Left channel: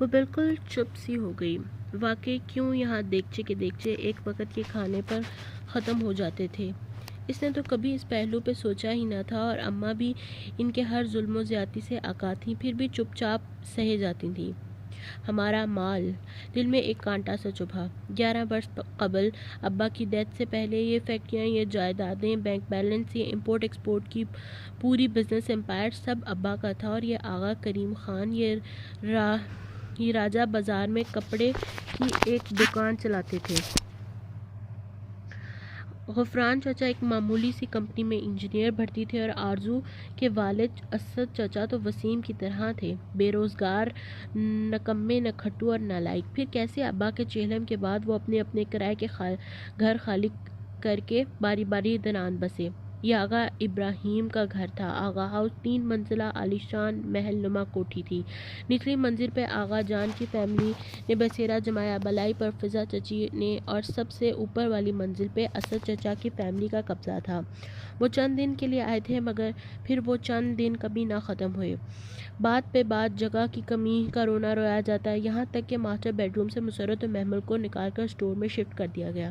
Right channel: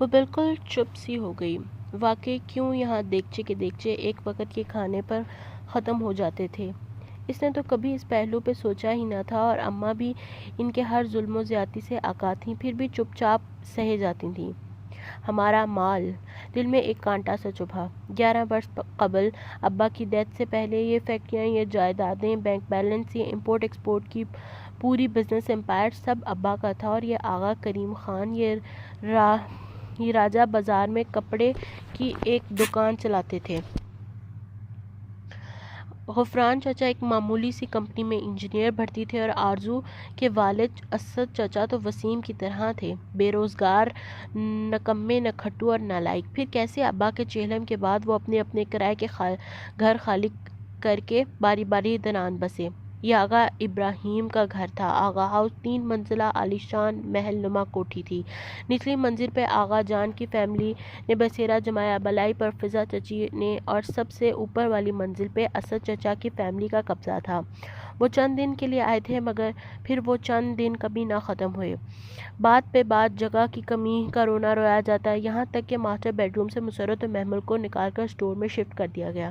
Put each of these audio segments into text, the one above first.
وہ بالکل چپ سی ہو گئی۔ واقعی کیوں یہاں دیگچے کے دیگچے ایک وقت کے کھانے پر ختم ہو جاتے تھے؟ اس نے تو کبھی اس پہلو پہ سوچا ہی نہ تھا، اور اماں بھی ان کے ہر ظلم و زیادتی سے آگاہ تھیں، پھر بھی چپ چاپ سہے جاتی تھیں۔ ہمارا مال، دل میں ایک کانٹا سا چبھا۔ 11 برس قبل ابا کی ڈیتھ سے پہلے یہ فیکٹریاں، یہ جائیدادیں، بینک بیلنس، یہ امپورٹ ایکسپورٹ کی پوری بزنس امپائر سب ابا کا تھا، اور یہ آغا کریم خان یہ راجہ بازار میں کپڑے کی ایک دکان چلاتے تھے۔ غفران چچا ایک معمولی سی کمپنی میں انجینئر بھرتی تھے، اور آرزو کے والد اسد چچا تو وسیم کی طرح تھے، بے روزگار، نکمے، نکھٹو اور نالائق۔ پھر کیسے ابا کے چہلم کے بعد وہ اپنے اپنے کرائے کے گھر خالی کر کے باری باری دنان بسے۔ یہ آغا ابراہیم کا گھر تھا۔ آغا ہاؤس 3 منزلہ عالیشان محل نما کوٹھی تھی۔ نچلی منزل پہ آغا جان کی فیملی نے بسیرا جمایا، بلائی پر فضا چچی نے، اور سب سے اوپر والی منزل پہ اسد چچا کی فیملی کا قبضہ تھا۔ وہ چند دن کے لیے آئے تھے، مگر پھر وہ چند دن کبھی نہ ختم ہوئے۔ بات پہ بات، جگہ کی کمی کا رونا رویا جاتا، یہاں تک کہ ماسٹر بیڈ روم سے مسرت و محمل کو نکال کر اسٹور میں شفٹ کر دیا گیا۔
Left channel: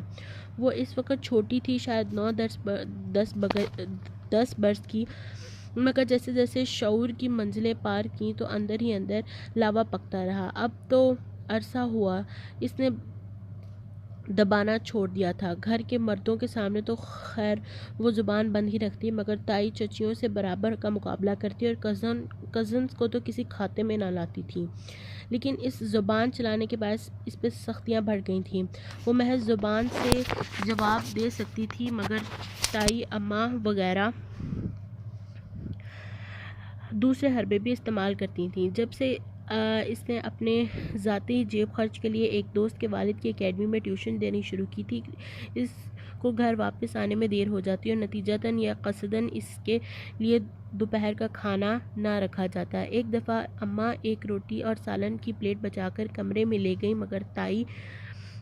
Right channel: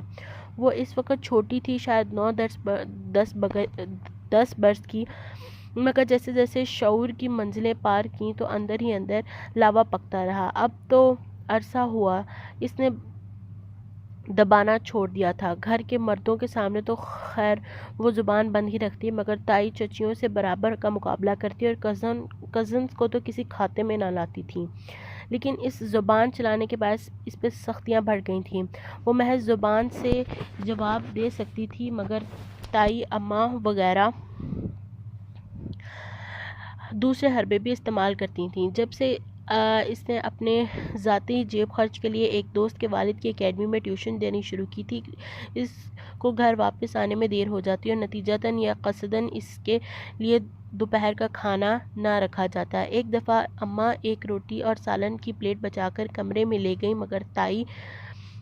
وہ اس وقت چھوٹی تھی، شاید 9-10 برس کی، مگر جیسے جیسے شعور کی منزلیں پار کیں تو اندر ہی اندر لاوا پکتا رہا۔ اب تو عرصہ ہوا اس نے دبانا چھوڑ دیا تھا۔ گھر کے مردوں کے سامنے تو خیر وہ زبان بند ہی رکھتی، مگر تائی چچیوں سے برابر کا مقابلہ کرتی، اور کزنز کو تو کسی کھاتے میں نہ لاتی تھی۔ لیکن اس زبان چلانے کے باعث اس پہ سختیاں بڑھ گئی تھیں۔ وہ محض زبان سے جواب دے سکتی تھی، مگر تائی، اماں وغیرہ دوسرے حربے بھی استعمال کرتی تھیں۔ جب سے اس نے اپنے ذاتی جیب خرچ کے لیے ایک دوست کے والد کی اکیڈمی میں ٹیوشن دینی شروع کی تھی، اس کو گھر واپس آنے میں دیر ہو جاتی، اور نتیجتاً یا قصداً اس کے لیے دوپہر کا کھانا نہ رکھا جاتا۔ ایک دفعہ اماں ایک روٹی اور سالن کی پلیٹ بچا کر کمرے میں لے گئیں، مگر تائی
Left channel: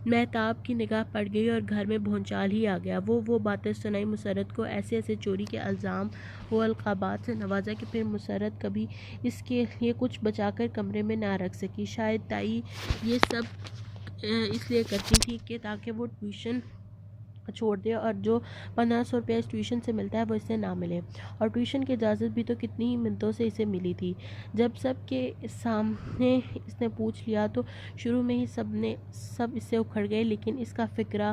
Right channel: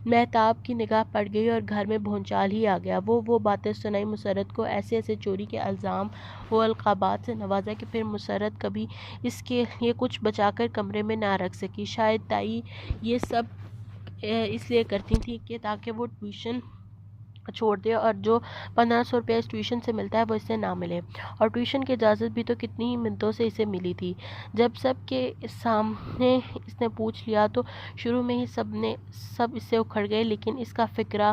مہتاب کی نگاہ پڑ گئی اور گھر میں بھونچال ہی آ گیا۔ وہ باتیں سنائی مسرت کو، ایسے ایسے چوری کے الزام و القابات سے نوازا کہ پھر مسرت کبھی اس کے لیے کچھ بچا کر کمرے میں نہ رکھ سکی۔ شاید تائی یہ سب اس لیے کرتی تھی کہ تاکہ وہ ٹیوشن چھوڑ دے، اور جو 1500 روپے اس ٹیوشن سے ملتا ہے وہ اسے نہ ملے۔ اور ٹیوشن کی اجازت بھی تو کتنی ہی منٹوں سے اسے ملی تھی۔ جب سب کے سامنے اس نے پوچھ لیا تو شروع میں ہی سب اس سے اکھڑ گئے، لیکن اس کا فقرہ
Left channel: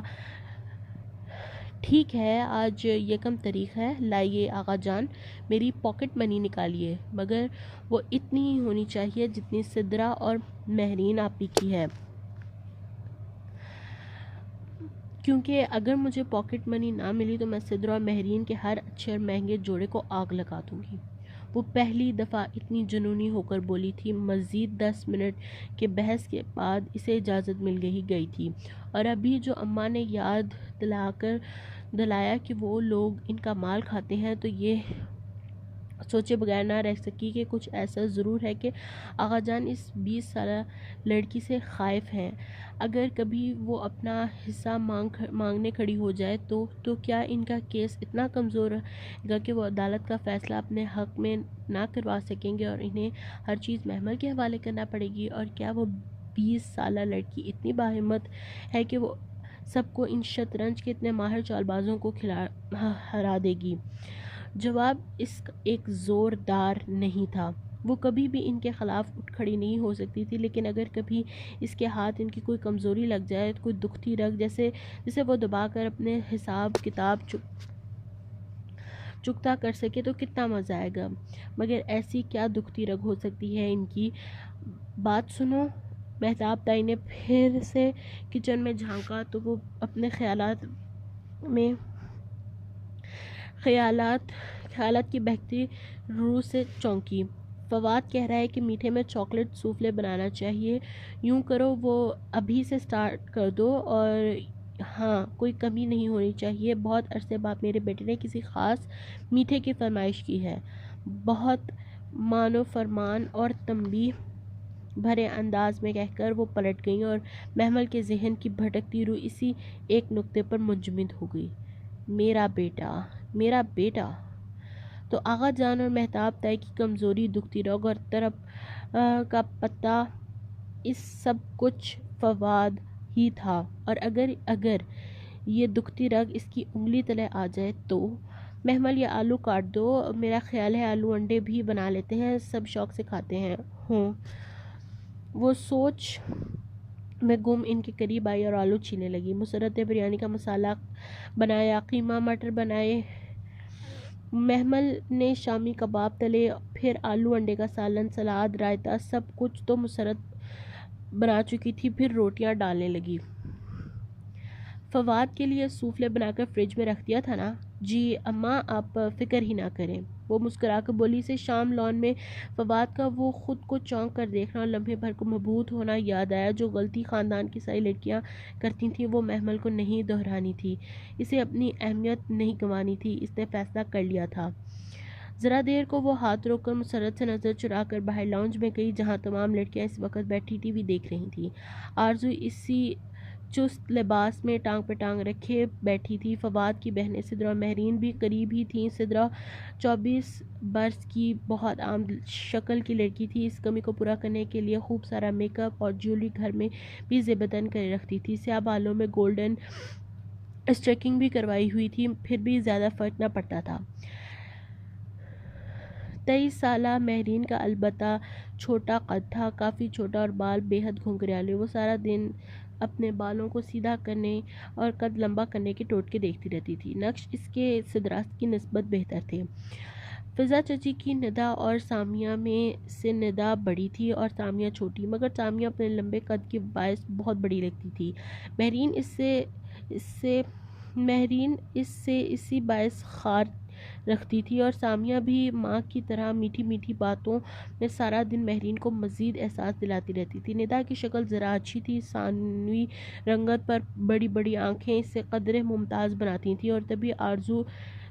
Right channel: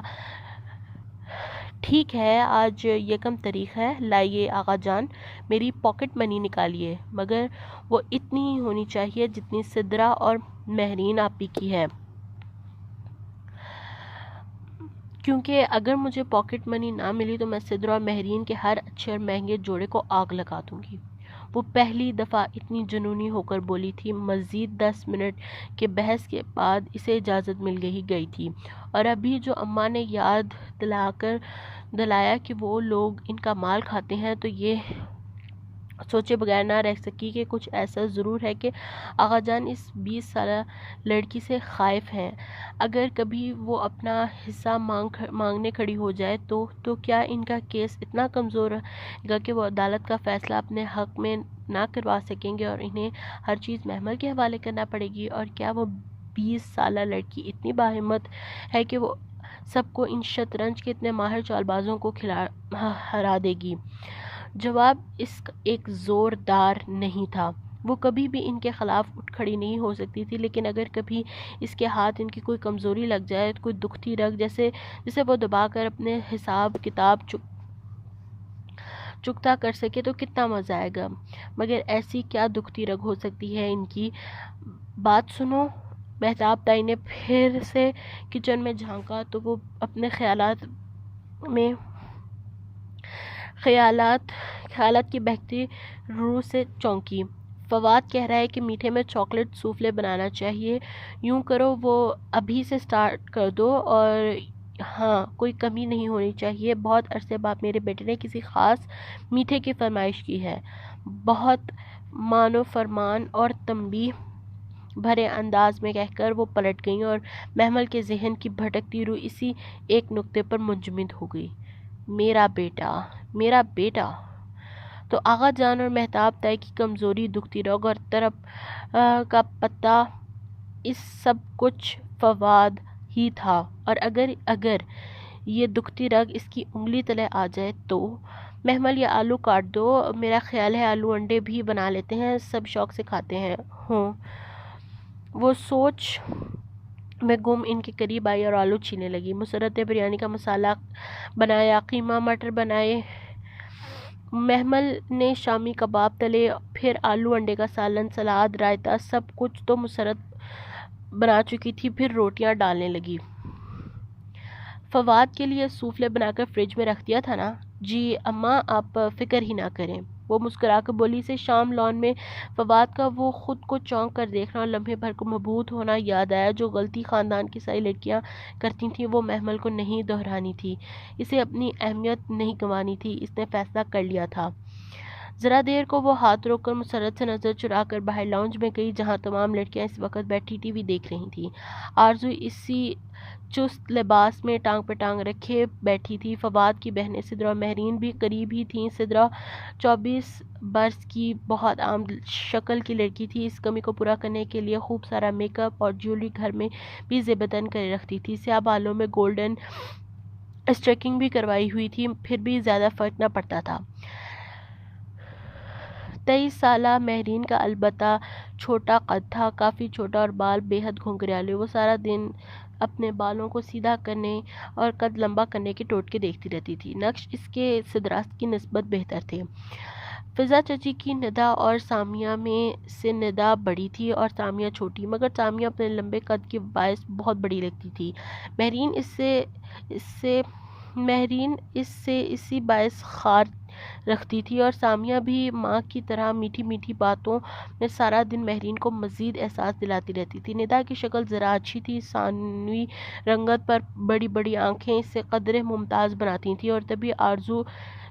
ٹھیک ہے، آج 1 تاریخ ہے، لائیے آغا جان میری پاکٹ منی نکالیے، مگر وہ اتنی ہی ہونی چاہیے جتنی سدرا اور مہرین آپی کی ہے، کیونکہ اگر مجھے پاکٹ منی نہ ملی تو میں سدرا اور مہرین کے ہر اچھے اور مہنگے جوڑے کو آگ لگا دوں گی۔ وہ پہلی دفعہ اتنی جنونی ہو کر بولی تھی۔ مزید 10 منٹ کے بحث کے بعد اسے اجازت مل گئی تھی، اور ابھی جو اماں نے یاد دلایا کہ وہ لوگ ان کا مال کھاتے ہیں، تو یہ سوچے بغیر نہ رہ سکی کہ کچھ ایسا ضرور ہے کہ آغا جان اس 20 سالہ لڑکی سے خائف ہیں۔ اگر کبھی وہ اپنا حصہ مانگنے کھڑی ہو جائے تو کیا ان کا کیس اتنا کمزور گا کہ وہ عدالت کا فیصلہ اپنے حق میں نہ کروا سکیں گے، اور انہیں ہر چیز محمل کے حوالے کرنا پڑے گی؟ اور کیا وہ 20 سالہ لڑکی اتنی باہمت ہے کہ وہ سب کو، ان شطرنج کے اتنے ماہر چال بازوں کو ہرا دے گی؟ جواب اس کا ایک زوردار نہیں تھا۔ وہ کبھی بھی ان کے خلاف اٹھ کھڑی نہیں ہو سکتی تھی، لیکن اگر کبھی اس کے ہاتھ ان کی کوئی کمزوری لگ جائے، کوئی دکھتی رگ جسے وہ دبا کر اپنے حساب کتاب چکتا کر سکے تو کتنا مزہ آئے گا۔ مگر ایسی کیا دکھتی رگ ہو سکتی ہے ان کی؟ بات سنو۔ مہتاب تائی نے پھر سے کچن میں جھانکا تو وہ اپنے خیالات کی بہکتی روح سے چونکی۔ فواد کہہ رہا ہے کہ میٹھے میں چاکلیٹ سوفلے بنانا چاہیے، یوں کرو وہ ابھی سے سٹارٹ کر دو، اور ہاں کوئی کمی نہیں ہونی چاہیے۔ بہت عرصے بعد میرے بیٹے نے کسی خاص میٹھے کی فرمائش کی ہے۔ بہت مان و فرمان اور تنبیہ بھرے انداز میں کہہ کر وہ پلٹ گئیں، اور محمل کے ذہن کی بھٹکتی روح اسی ایک نکتے پر منجمد ہو گئی، میرا بیٹا۔ تو آغا جان اور مہتاب تائی کی کمزوری، دکھتی رگ اور طرب کا پتہ اس سب کچھ فواد ہی تھا، اور اگر یہ دکھتی رگ اس کی انگلی تلے آ جائے تو محمل یہ آلو کاٹ دو، میرا خیال ہے آلو انڈے بھی بنا لیتے ہیں، سب شوق سے کھاتے ہیں ہوں۔ وہ سوچ میں گم ان کے قریب آئی اور آلو چھینے لگی۔ مسرت نے بریانی کا مسالہ بنایا، قیمہ مٹر بنائے، محمل نے شامی کباب تلے، پھر آلو انڈے کا سالن، سلاد، رائتا، سب کچھ تو مسرت بنا چکی تھی، پھر روٹیاں ڈالنے لگی۔ فواد کے لیے سوفلے بنا کر فریج میں رکھ دیا تھا نا؟ جی اماں، آپ فکر ہی نہ کریں، وہ مسکرا کر بولی۔ سے شام لان میں فواد کا وہ خود کو چونک کر دیکھنا اور لمحے بھر کو مبہوت ہونا یاد آیا۔ جو غلطی خاندان کی ساری لڑکیاں کرتی تھیں وہ محمل کو نہیں دہرانی تھی، اسے اپنی اہمیت نہیں گنوانی تھی، اس نے فیصلہ کر لیا تھا۔ ذرا دیر کو وہ ہاتھ روک کر مسرت سے نظر چرا کر باہر لاؤنج میں گئی، جہاں تمام لڑکیاں اس وقت بیٹھی ٹی وی دیکھ رہی تھیں۔ آرزو اسی چست لباس میں ٹانگ پہ ٹانگ رکھے بیٹھی تھی۔ فواد کی بہنیں سدرا اور مہرین بھی قریب ہی تھیں۔ سدرا 24 برس کی بہت عام شکل کی لڑکی تھی، اس کمی کو پورا کرنے کے لیے خوب سارا میک اپ اور جیولری گھر میں بھی زیبدن کرے رکھتی تھی۔ سیاہ بالوں میں گولڈن اسٹریکنگ بھی کروائی ہوئی تھی، پھر بھی زیادہ فرق نہ پڑتا تھا۔ 23 سالہ مہرین کا البتہ چھوٹا قد تھا، کافی چھوٹا، اور بال بے حد گھنگریالے۔ وہ سارا دن اپنے بالوں کو سیدھا کرنے اور قد لمبا کرنے کے ٹوٹکے دیکھتی رہتی تھی۔ نقش اس کے سدراست کی نسبت بہتر تھے۔ فضا چچی کی ندا اور سامیہ میں سے ندا بڑی تھی اور سامیہ چھوٹی، مگر سامیہ اپنے لمبے قد کے باعث بہت بڑی لگتی تھی۔ مہرین اس سے اسی باعث خار رکھتی تھی، اور سامیہ بھی ماں کی طرح میٹھی میٹھی باتوں میں سارا دن مہرین کو مزید احساس دلاتی رہتی تھی۔ ندا کی شکل ذرا اچھی تھی، ثانوی رنگت پر بڑی بڑی آنکھیں اسے قدرے ممتاز بناتی تھیں، اور طبی آرزو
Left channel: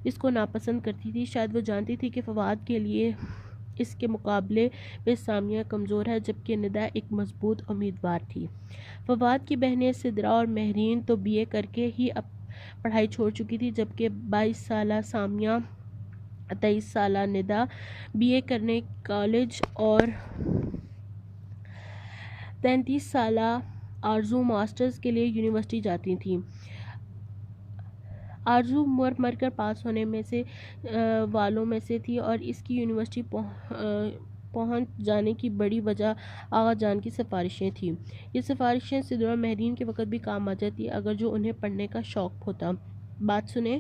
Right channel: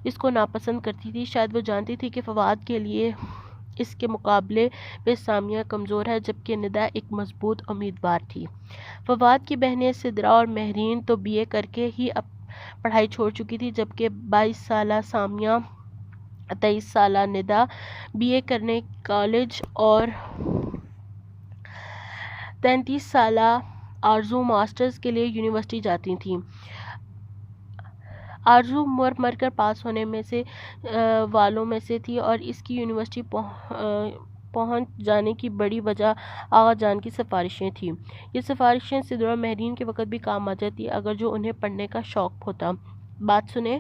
اس کو ناپسند کرتی تھی۔ شاید وہ جانتی تھی کہ فواد کے لیے اس کے مقابلے پہ سامیہ کمزور ہے، جبکہ ندا ایک مضبوط امیدوار تھی۔ فواد کی بہنیں سدرا اور مہرین تو BA کر کے ہی پڑھائی چھوڑ چکی تھی، جبکہ 22 سالہ سامیہ، 23 سالہ ندا BA کرنے کالج، اور 33 سالہ آرزو ماسٹرز کے لیے یونیورسٹی جاتی تھیں۔ آرزو مر کر پاس ہونے میں سے والوں میں سے تھی، اور اس کی یونیورسٹی پہنچ جانے کی بڑی وجہ آغا جان کی سفارشیں تھیں۔ یہ سفارشیں سدرا اور مہرین کے وقت بھی کام آ جاتی اگر جو انہیں پڑھنے کا شوق ہوتا۔ بات سنیں،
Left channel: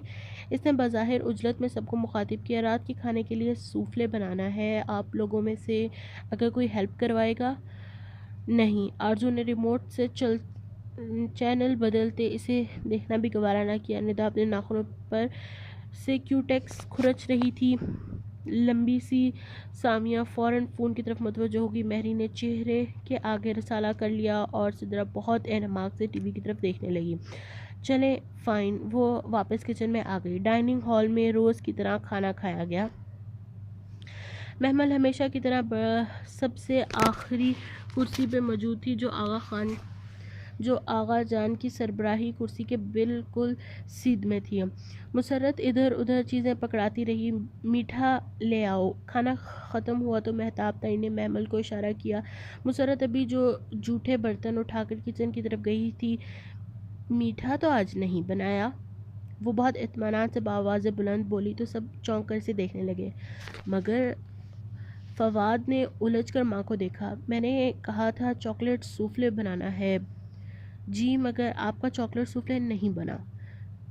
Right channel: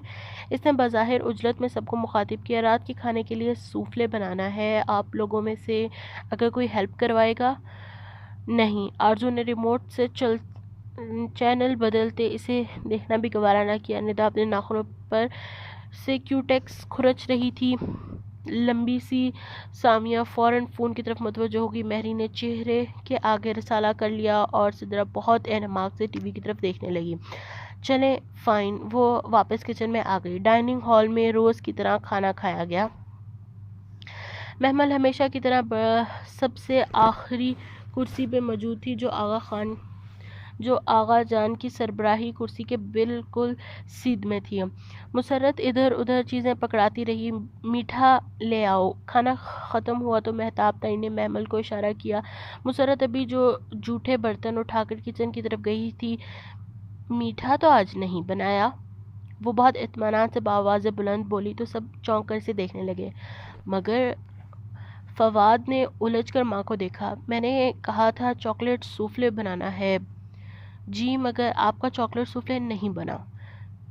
اس نے بظاہر عجلت میں سب کو مخاطب کیا، رات کے کھانے کے لیے سوفلے بنانا ہے، آپ لوگوں میں سے اگر کوئی ہیلپ کروائے گا؟ نہیں، آرزو نے ریموٹ سے چینل بدلتے اسے دیکھنا بھی گوارا نہ کیا۔ ندا اپنے ناخنوں پر سے کیوٹیکس کھرچ رہی تھی، لمبی سی۔ سامیہ فوراً فون کی طرف متوجہ ہوگی۔ مہری نے چہرے کے آگے رسالہ کر لیا اور سدرا بہت اہتمام سے ٹی وی کی طرف دیکھنے لگی۔ چلیں فائن، وہ واپس کچن میں آ گئی۔ ڈائننگ ہال میں روز کی طرح کھانا کھایا گیا۔ محمل ہمیشہ کی طرح سب سے آخری کرسی پہ موجود تھی، جو آغا جان کی سربراہی کرسی کے بالکل سیدھ میں تھی۔ مسرت ادھر ادھر چیزیں پکڑاتی رہی۔ میٹھا لے آؤ۔ کھانا ختم ہوا تو مہتاب تائی نے محمل کو اشارہ کیا۔ مسرت ابھی جو جھوٹے برتن اٹھا کر کچن کی طرف گئی تھی۔ میٹھا تو آج نہیں بنایا؟ وہ بہت اطمینان سے بآواز بلند بولی تو سب چونک کر اسے دیکھنے لگے، مگر فواد نے الجھ کر ماں کو دیکھا۔ میں نے کہا تھا چاکلیٹ سوفلے بنانا ہے۔ جی مگر آپ کا چاکلیٹ سوفلے نہیں بنا۔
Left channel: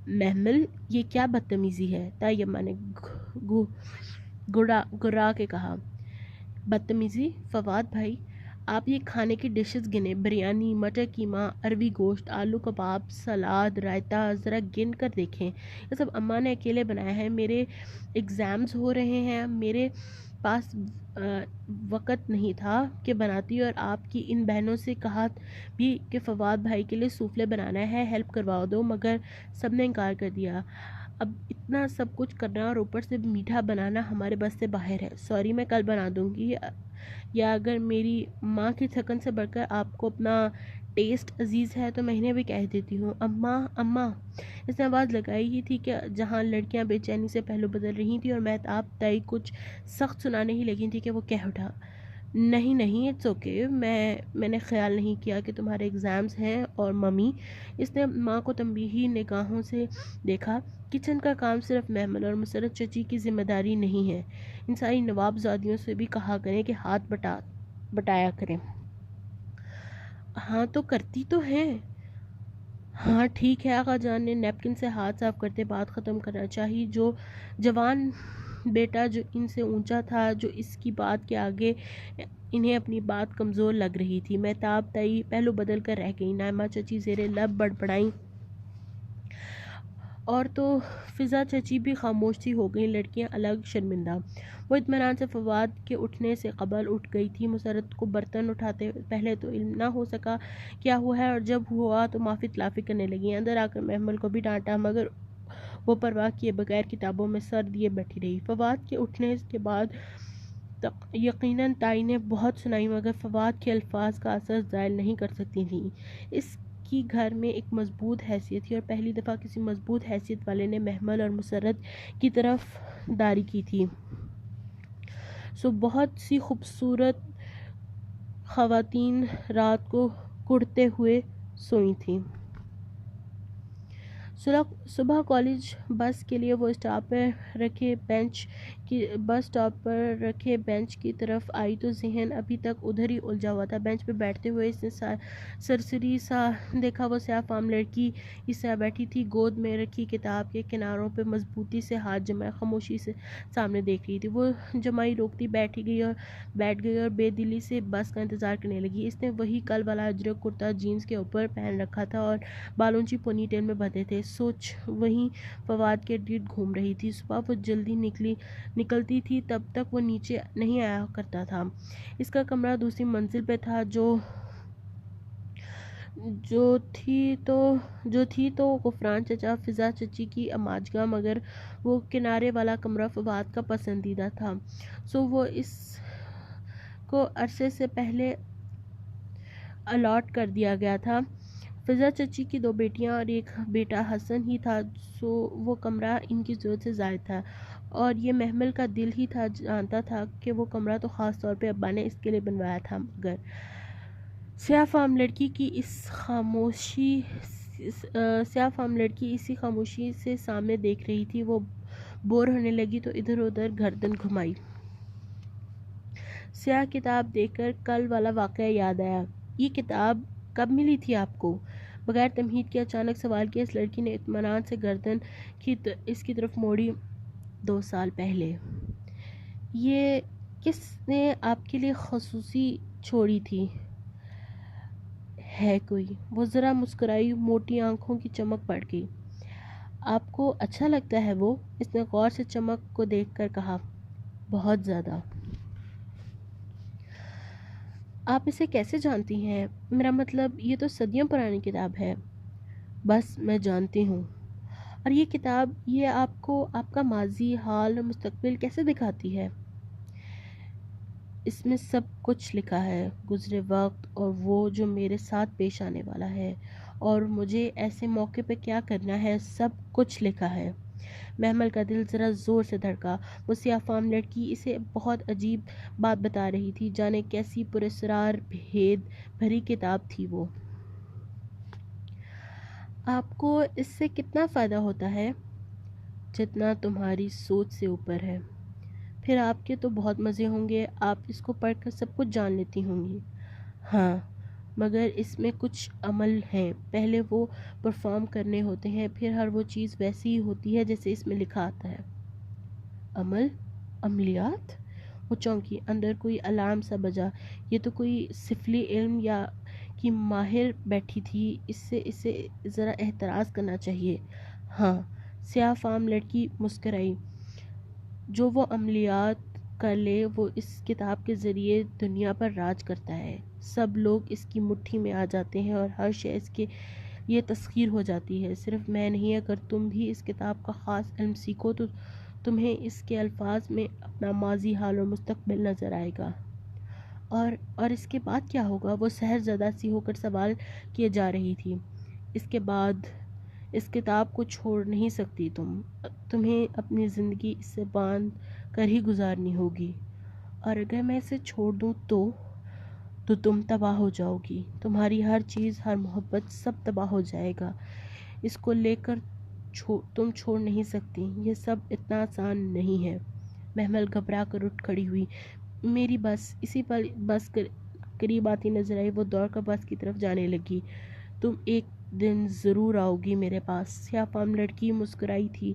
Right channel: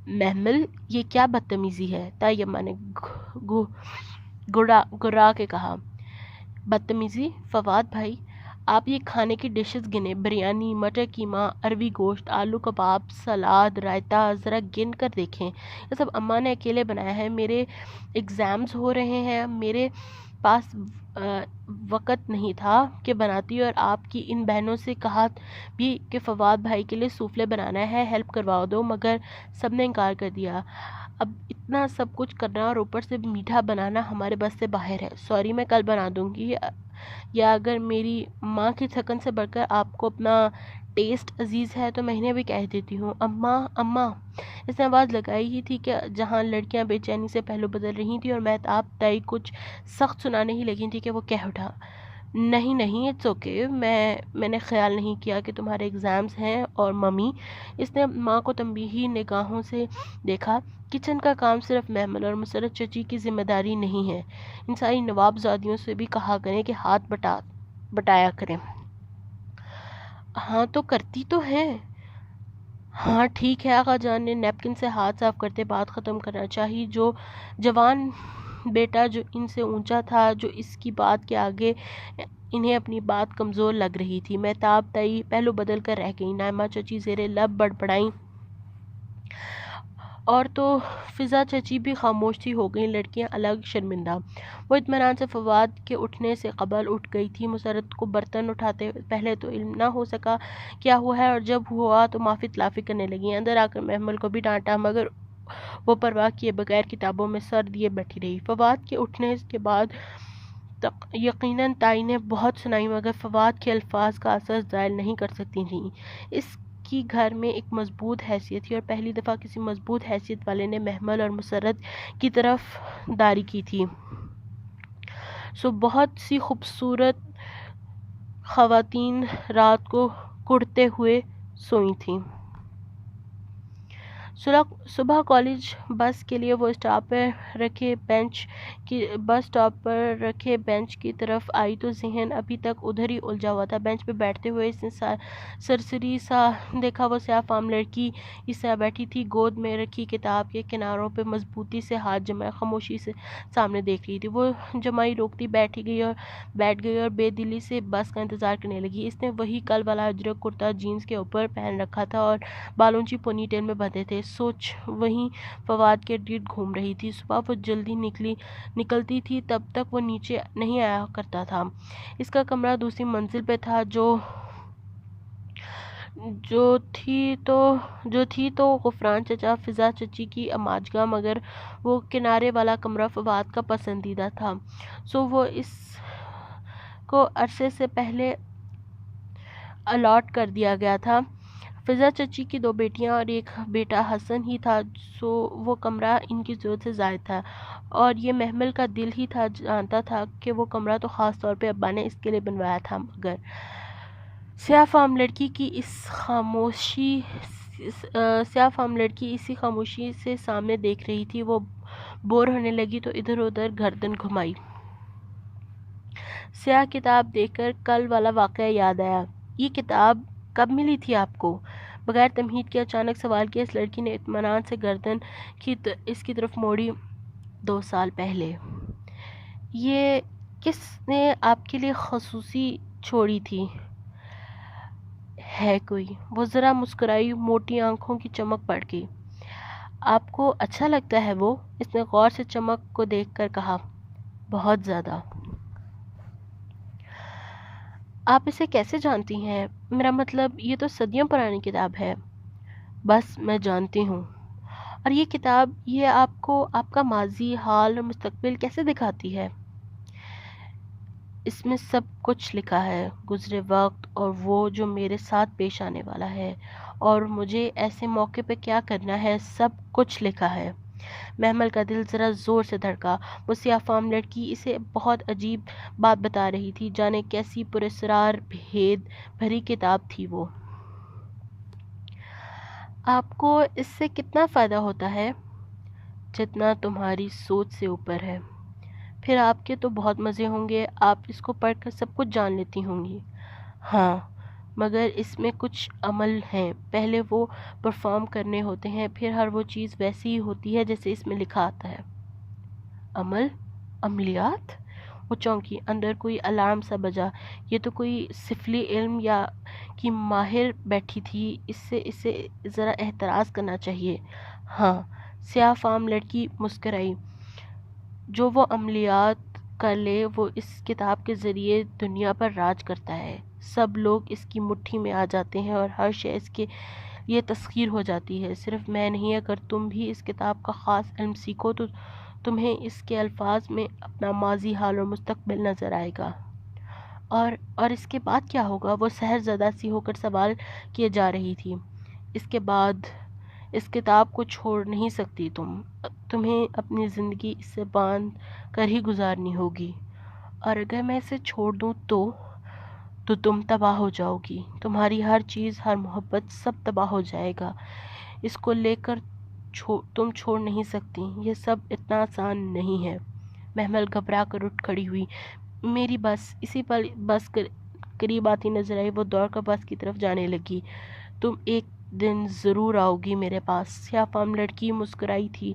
محمل، یہ کیا بدتمیزی ہے؟ تائی اماں نے گرا کے کہا۔ بدتمیزی؟ فواد بھائی، آپ یہ کھانے کی ڈشز گنے، بریانی، مٹر قیمہ، اروی گوشت، آلو کباب، سلاد، رائتا، ذرا گن کر دیکھیں۔ یہ سب اماں نے اکیلے بنایا ہے۔ میرے ایگزامز ہو رہے ہیں، میرے پاس وقت نہیں تھا کہ بناتی، اور آپ کی ان بہنوں سے کہا بھی کہ فواد بھائی کے لیے سوفلے بنانا ہے، ہیلپ کروا دو، مگر سب نے انکار کر دیا۔ اب اتنا سب کچھ کرنا اور اوپر سے میٹھا بنانا ہمارے بس سے باہر ہے۔ سوری، میں کل بنا دوں گی، یا اگر میری ماں کی تھکن سے بڑھ کر آپ کو اپنا ٹیسٹ عزیز ہے تو میں انہیں بھی کہہ دیتی ہوں۔ اماں، اس نے آواز لگائی ہی تھی کہ جہاں لڑکیاں بے چینی سے پہلو بدل رہی تھیں اور مہتاب تائی کچھ سخت سنانے ہی لگی تھی کہ وہ کہہ اٹھا، نہیں نہیں اٹس اوکے، میں نے خیال نہیں کیا کہ تمہارے ایگزامز ہیں، اور ممی، اس نے ماں کو تنبیہی نگاہوں سے دیکھا، کچن کا کام صرف محمل اور مسرت چچی کی ذمہ داری نہیں ہے، ان ساری نواب زادیوں سے بھی کہا کریں کہ ہاتھ بٹایا کریں۔ ہاں تو کرتی تو ہیں۔ ہاں ٹھیک ہے، آقا جان نے نیپکن سے ہاتھ صاف کرتے بات ختم کرنا چاہی۔ جو جوان بیٹا جو ان سے اونچا تھا، جو اس کی بات کے آگے انہیں اپنی بات کمزور لگ رہی تھی، مہتاب تئی پہلو بدل کر رہ گئی۔ نائمہ چچی زیر لب بڑبڑائیں، اور تو فضا چچی بھی خاموش سی ہو گئیں۔ لڑکیاں الگ شرمندہ۔ وہ اطمینان سے فواد کے اٹھنے سے قبل اٹھ گئی تھی۔ مسرت کو برتن اٹھاتے پہلے تو علم نہ ہو سکا کیا ہوا ہے، اور جب ہوا تو معافی تلافی کرنے لگی۔ اندر آ کر محمل کو بھی ڈانٹا، مگر وہ پرواہ کیے بغیر کتابوں میں سر دیے بیٹھی رہی۔ فواد کے اٹھنے کے بعد یقیناً تائی نے بہت سنائی، مگر فواد کے الفاظ کا اثر زائل نہیں کر سکتی تھیں۔ اس کی گھر میں ایک مضبوط حیثیت تھی، اور پہلی دفعہ کسی مضبوط حیثیت والے نے محمل اور مسرت کی طرف داری کی تھی۔ سو بہت سی خوبصورت خواتین رات کو کڑتے ہوئے سوئی تھیں۔ صبح کالج بس کے لیے وہ بس اسٹاپ پر رکھے بینچ کی طرف آئی تو ذہن ابھی تک ادھر ہی الجھا ہوا تھا۔ بینچ پہ بیٹھتے ہوئے اس نے سرسری سا دیکھا، وہ سیاہ فام لڑکی اس طرح بیٹھی تھی، گود میں رکھی کتاب کے کناروں پہ مضبوطی سے ہاتھ جمائے خاموشی سے سامنے دیکھ رہی تھی۔ وہ جمائی روکتی بیٹھ گئی اور بے دلی سے بس کا انتظار کرنے لگی۔ اس نے وہی کل والا اجرک کرتا جینز کے اوپر پہن رکھا تھا اور بال اونچی پونی ٹیل میں بندھے تھے۔ سوچ وہیں فواد کے ارد گرد گھوم رہی تھی۔ صبح وہ جلدی نکلتی تھی، تب تک وہ نیچے نہیں آیا کرتا تھا۔ اس کا کمرہ دوسری منزل پہ تھا، جو تھی تو غفران چچا فضا چچی کی اماجگاہ، مگر وہ کنارے والا کمرہ فواد کا پسندیدہ تھا، سو وہ اس کو عرصے سے پہلے الاٹ کر دیا گیا تھا۔ فضا چچی کی 2 بیٹیاں اور ایک بیٹا حسن ہی تھا، سو وہ کمرہ ان کی ضرورت سے زائد تھا، اور یہ محمل کا دل ہی تھا، جانتا تھا کہ وہ کمرہ تو خاص طور پہ ابا نے اس کے لیے بنوایا تھا۔ مگر سیاہ فام لڑکی اسی خاموشی سے سامنے دیکھ رہی تھی۔ وہ بور ہونے لگی تو ادھر ادھر گردن گھمائی۔ سیاہ کتاب دیکھ کر کل والا واقعہ یاد آیا۔ یہ کتاب کب ملی تھی آپ کو؟ بغیر تمہید کے اچانک سوال کیا۔ اس لڑکی نے اطمینان سے گردن اس کی طرف موڑی۔ 2 سال پہلے۔ یہ کس نے آپ کے لیے خصوصی چھوڑی تھی؟ ہے کوئی؟ وہ ذرا مسکرائی، موٹی آنکھوں کی چمک پڑ گئی۔ آپ کو اچھا لگتا ہے وہ؟ اس نے غور سے چمک کو دیکھ کر کہا۔ بہت زیادہ۔ آپ اسے کیسے جانتی ہیں؟ میرا مطلب یہ تو صدیوں پرانی کتاب ہے۔ بس میں جانتی ہوں۔ اور یہ کتاب یہ آپ کو آپ کا ماضی، حال اور مستقبل کیسے دکھاتی ہے؟ اس میں سب کچھ لکھا ہے، گزرے وقت اور وہ جو میرے ساتھ پیش آنے والا ہے، اور مجھے ایسے موقع پہ کیا کرنا ہے، سب کچھ لکھا ہے۔ محمل کا دل ذرا زور سے دھڑکا۔ وہ سیاہ فام لڑکی اسے بہت عجیب بات بتا رہی تھی، جانے کیسی پراسرار بھید بھری کتاب تھی وہ۔ آپ کو اس سے کتنا فائدہ ہوتا ہے؟ جتنا تمہاری سوچ سے اوپر ہے۔ پھر آپ کے تو بہت مزے ہوں گے، آپ اس کو پڑھ کر سب کچھ جان لیتی ہوں گی۔ ہاں، مگر اس میں کچھ عمل ہیں، پہلے وہ پرفارم کرنے ہوتے ہیں، پھر ہر وہ چیز ویسی ہی ہوتی ہے جیسے اس میں لکھا آتا ہے۔ عملیات؟ وہ چونکی، اندر کوئی الارم سا بجا۔ یہ تو کوئی سفلی علم یا کی ماہر بیٹھی تھی، اسے ذرا احتراز کرنا چاہیے۔ ہاں، سیاہ فام لڑکی مسکرائی۔ جو وہ عملیات کر لے، وہ اس کتاب کے ذریعے دنیا پر راج کرتا ہے۔ سب لوگ اس کی مٹھی میں آ جاتے ہیں اور ہر شے اس کے لیے تسخیر ہو جاتی ہے۔ صرف میں نہیں، اگر تم بھی اس کتاب کا خاص علم سیکھو تو تمہیں اس کے الفاظ میں اپنا ماضی، حال اور مستقبل نظر آئے گا۔ اور اس کے بعد کیا ہوگا؟ وہ سحر زدہ سی ہو کر سوال کیے جا رہی تھی۔ اس کے بعد اس کتاب کو چھوڑ نہیں سکتی تمہیں اپنی زندگی اس سے باندھ کر ہی گزارنی ہوگی، اور اگر میں اسے چھوڑ دوں تو تم تباہ ہو جاؤ گی، تمہاری ہر چیز، ہر محبت، سب تباہ ہو جائے گا۔ اس کو لے کر تم چھوڑ نہیں سکتی، یہ سب اتنا آسان نہیں ہے۔ محمل گھبرا کر اٹھ کھڑی ہوئی۔ میری بس، اسی پل بس قریب آتی نظر آئی، وہ دوڑ کر بس کی طرف جانے لگی۔ تم ایک دن ضرور آؤ گی میرے پاس، سیاہ فام لڑکی مسکرائی تھی۔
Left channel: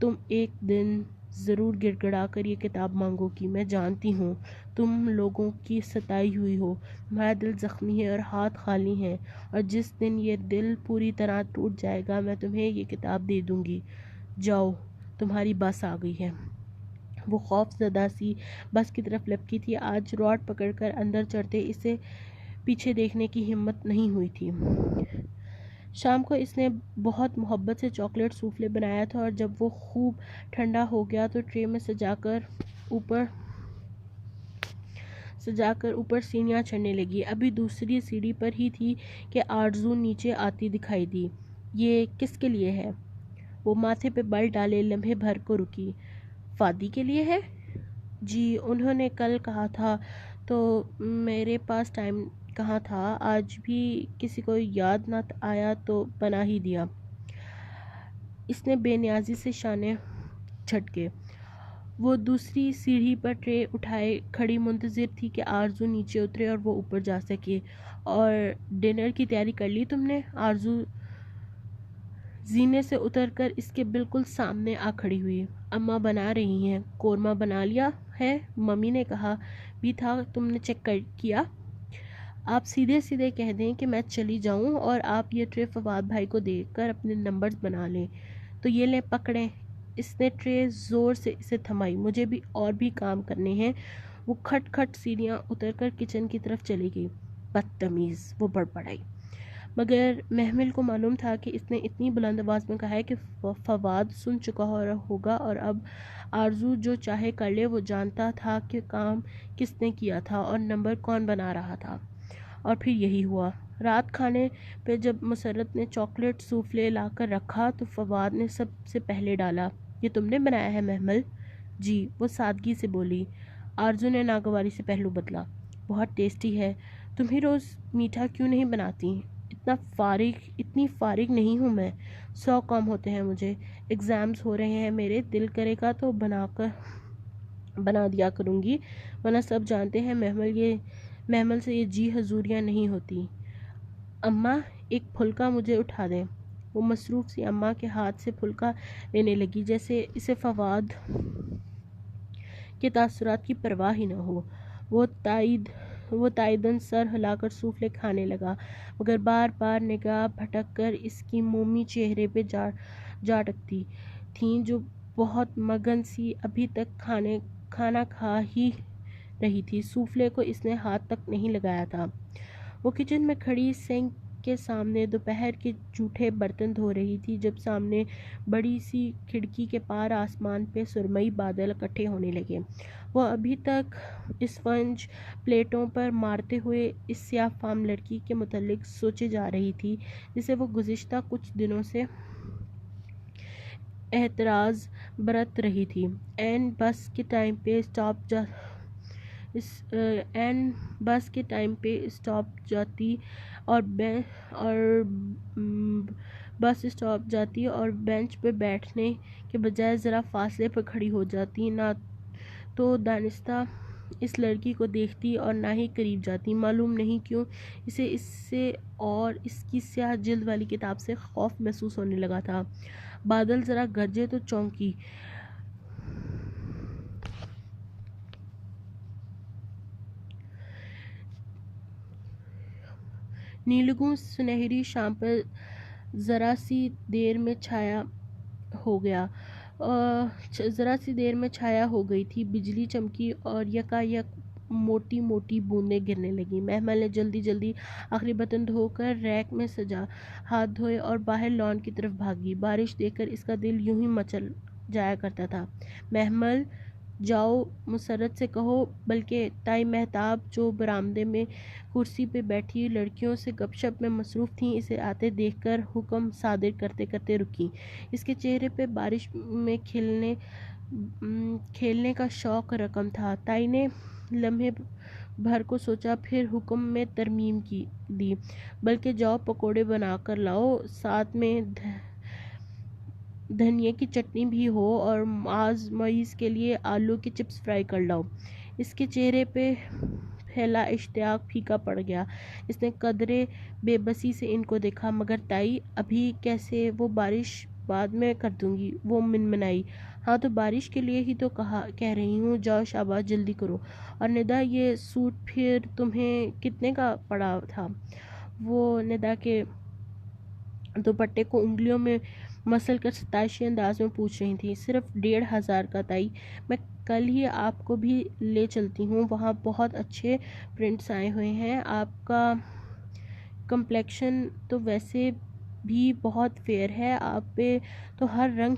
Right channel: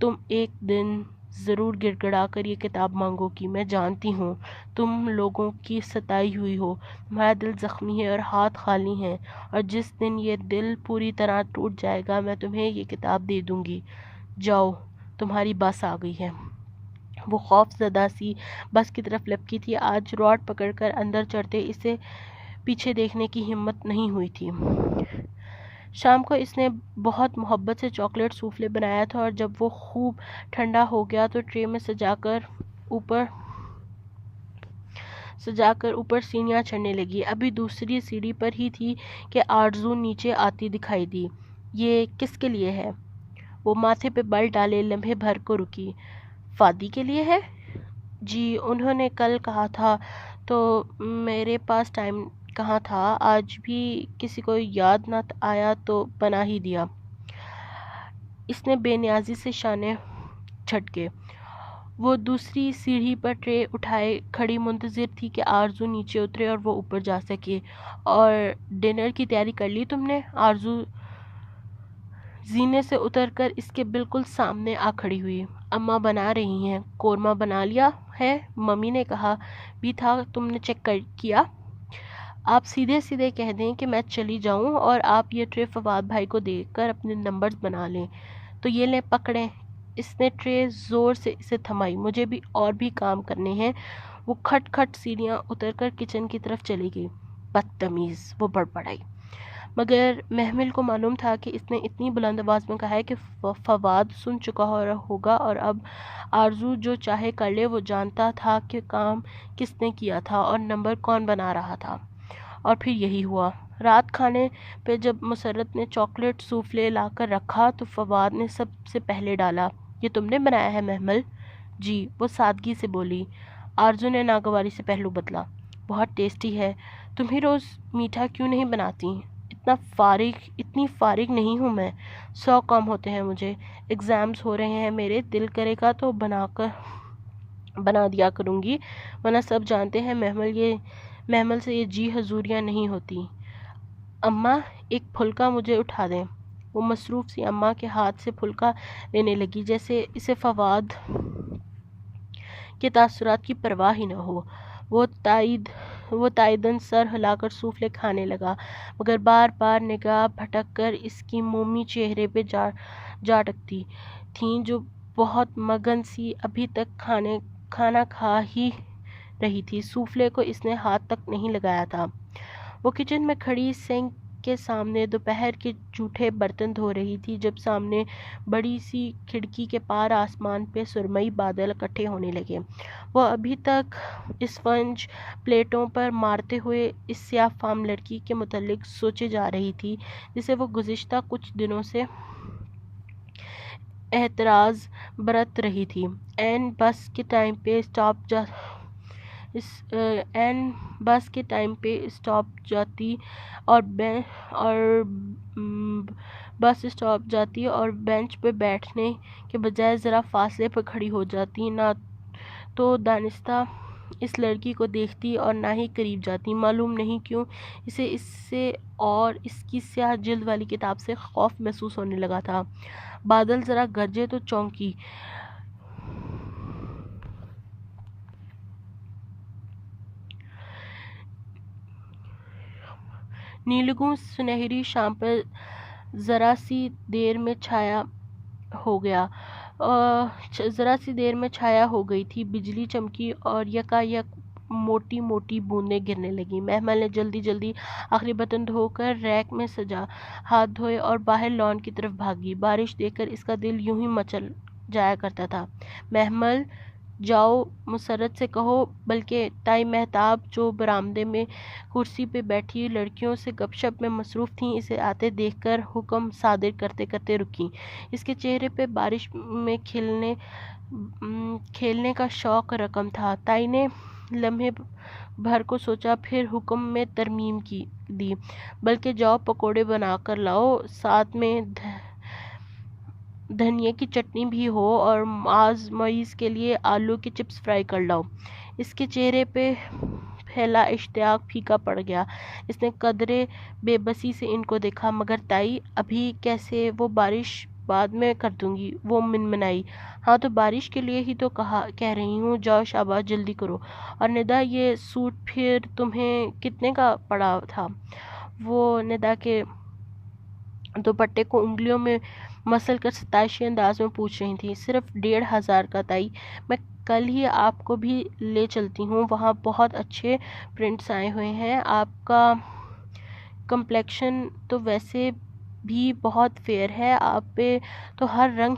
تم ایک دن ضرور گڑ گڑا کر یہ کتاب مانگو گی، میں جانتی ہوں تم لوگوں کی ستائی ہوئی ہو، تمہارا دل زخمی ہے اور ہاتھ خالی ہیں، اور جس دن یہ دل پوری طرح ٹوٹ جائے گا میں تمہیں یہ کتاب دے دوں گی۔ جاؤ، تمہاری بس آ گئی ہے۔ وہ خوف زدہ سی بس کی طرف لپکی تھی۔ آج راڈ پکڑ کر اندر چڑھتے اسے پیچھے دیکھنے کی ہمت نہیں ہوئی تھی۔ شام کو اس نے بہت محبت سے چاکلیٹ سوفلے بنایا تھا، اور جب وہ خوب ٹھنڈا ہو گیا تو ٹرے میں سجا کر اوپر سیڑھیاں چڑھنے لگی۔ ابھی دوسری سیڑھی پر ہی تھی کہ آرزو نیچے آتی دکھائی دی۔ یہ کس کے لیے ہے؟ وہ ماتھے پہ بل ڈالے لمحے بھر کو رکی۔ فادی کے لیے ہے؟ جی، انہوں نے کل کہا تھا، تو میرے پاس ٹائم کہاں تھا، آج بھی کسی کو یاد نہ آیا تو بنا ہی دیا۔ اس نے بے نیازی سے شانے جھٹکے۔ وہ دوسری سیڑھی پر ٹرے اٹھائے کھڑی منتظر تھی کہ آرزو نیچے اترے اور وہ اوپر جا سکے۔ اور ڈنر کی تیاری کر لی تم نے؟ آرزو زینے سے اتر کر اس کے بالکل سامنے آ کھڑی ہوئی۔ اماں بنا رہی ہیں۔ قورمہ بنا لیا ہے؟ ممی نے کہا بھی تھا، تم نے چیک کیا؟ آپ سیدھے سیدھے کہہ دیں کہ میں چلی جاؤں اور آپ یہ ٹرے فواد بھائی کو دے کر اپنے نمبرز بنا لیں۔ تو یہ لیں پکڑیں۔ اس نے ٹرے زور سے اسے تھمائی۔ مجھے بھی اور بھی کام کرنے ہیں۔ وہ کھٹ کھٹ سیڑھیاں اتر کر کچن کی طرف چلی گئی۔ بدتمیز، وہ بڑبڑائی۔ مگر محمل کو معلوم تھا کہ اس نے اتنی بلند آواز میں کہا ہے کہ فواد سن چکا ہوگا، اور اب آرزو جو چاہے کر لے۔ وہ جانتا تھا کہ کام کس نے کیا تھا اور نمبر کون بنا رہا تھا۔ اور پھر یہی ہوا۔ رات کھانے پہ جب مسرت نے چاکلیٹ سوفلے لا کر رکھا تو فواد نے سب سے پہلے ڈالا۔ یہ تم نے بنایا ہے محمل؟ جی، وہ سادگی سے بولی۔ آرزو نے ناگواری سے پہلو بدلا۔ بہت ٹیسٹی ہے۔ تم ہی روز میٹھا کیوں نہیں بناتی؟ اتنی فارغ نہیں ہوں میں، 100 کام ہوتے ہیں مجھے۔ ایگزامز ہو رہے ہیں میرے، دل کرے گا تو بنا دیا کروں گی، ورنہ سب جانتے ہیں محمل سے یہ جی حضوریاں نہیں ہوتی۔ اماں، ایک پھلکا مجھے اٹھا دیں۔ وہ مصروف سی اماں کے ہاتھ سے پھلکا لینے لگی جیسے اسے فواد کے تاثرات کی پرواہ ہی نہ ہو۔ وہ تائیدن سر ہلا کر سوفلے کھانے لگا، مگر بار بار نگاہ بھٹک کر اس کی مومی چہرے پہ جا ٹکتی تھیں جو بہت مگن سی ابھی تک کھانا کھا ہی رہی تھی۔ سوفلے کو اس نے ہاتھ تک نہیں لگایا تھا۔ وہ کچن میں کھڑی سنک کے سامنے دوپہر کے جھوٹے برتن دھو رہی تھی جب سامنے بڑی سی کھڑکی کے پار آسمان پہ سرمئی بادل اکٹھے ہونے لگے۔ وہ ابھی تک اسفنج پلیٹوں پر مارتے ہوئے اس سیاہ فام لڑکی کے متعلق سوچے جا رہی تھی جسے وہ گزشتہ کچھ دنوں سے احتراز برت رہی تھی۔ این بس کے ٹائم پہ اسٹاپ جاتی اور بینچ پہ بیٹھنے کے بجائے ذرا فاصلے پر کھڑی ہو جاتی، نہ تو دانستہ اس لڑکی کو دیکھتی اور نہ ہی قریب جاتی۔ معلوم نہیں کیوں اسے اس سے اور اس کی سیاہ جلد والی کتاب سے خوف محسوس ہونے لگا تھا۔ بادل ذرا گرجے تو چونکی۔ نیلگوں سنہری شام پر ذرا سی دیر میں چھایا ہو گئی تھی۔ بجلی چمکی اور یکا یک موٹی موٹی بوندیں گرنے لگیں۔ محمل نے جلدی جلدی آخری برتن دھو کر ریک میں سجا، ہاتھ دھوئے اور باہر لان کی طرف بھاگی۔ بارش دیکھ کر اس کا دل یوں ہی مچل جایا کرتا تھا۔ محمل، جاؤ مسرت سے کہو، بلکہ تائی مہتاب جو برآمدے میں کرسی پہ بیٹھی لڑکیوں سے گپ شپ میں مصروف تھیں اسے آتے دیکھ کر حکم صادر کرتے کرتے رکیں۔ اس کے چہرے پہ بارش میں کھیلنے کا شوق رقم تھا۔ تائی نے لمحے بھر کو سوچا، پھر حکم میں ترمیم دی، بلکہ جاؤ پکوڑے بنا کر لاؤ، ساتھ میں دھنیا کی چٹنی بھی ہو، اور معیز کے لیے آلو کے چپس فرائی کر لاؤ۔ اس کے چہرے پہ پھیلا اشتیاق پھیکا پڑ گیا۔ اس نے قدرے بے بسی سے ان کو دیکھا۔ مگر تائی، ابھی کیسے؟ وہ بارش بعد میں کر دوں گی، وہ منمنائی۔ ہاں تو بارش کے لیے ہی تو کہہ رہی ہوں، جاؤ شاباش جلدی کرو۔ اور ندا، یہ سوٹ پھر تمہیں کتنے کا پڑا تھا؟ وہ ندا کے دوپٹے کو انگلیوں میں مسل کر ستائشی انداز میں پوچھ رہی تھی۔ صرف 1500 کا تائی، میں کل ہی آپ کو بھی لے چلتی ہوں، وہاں بہت اچھے پرنٹس آئے ہوئے ہیں۔ آپ کا کمپلیکشن تو ویسے بھی بہت فیئر ہے، آپ پہ تو ہر رنگ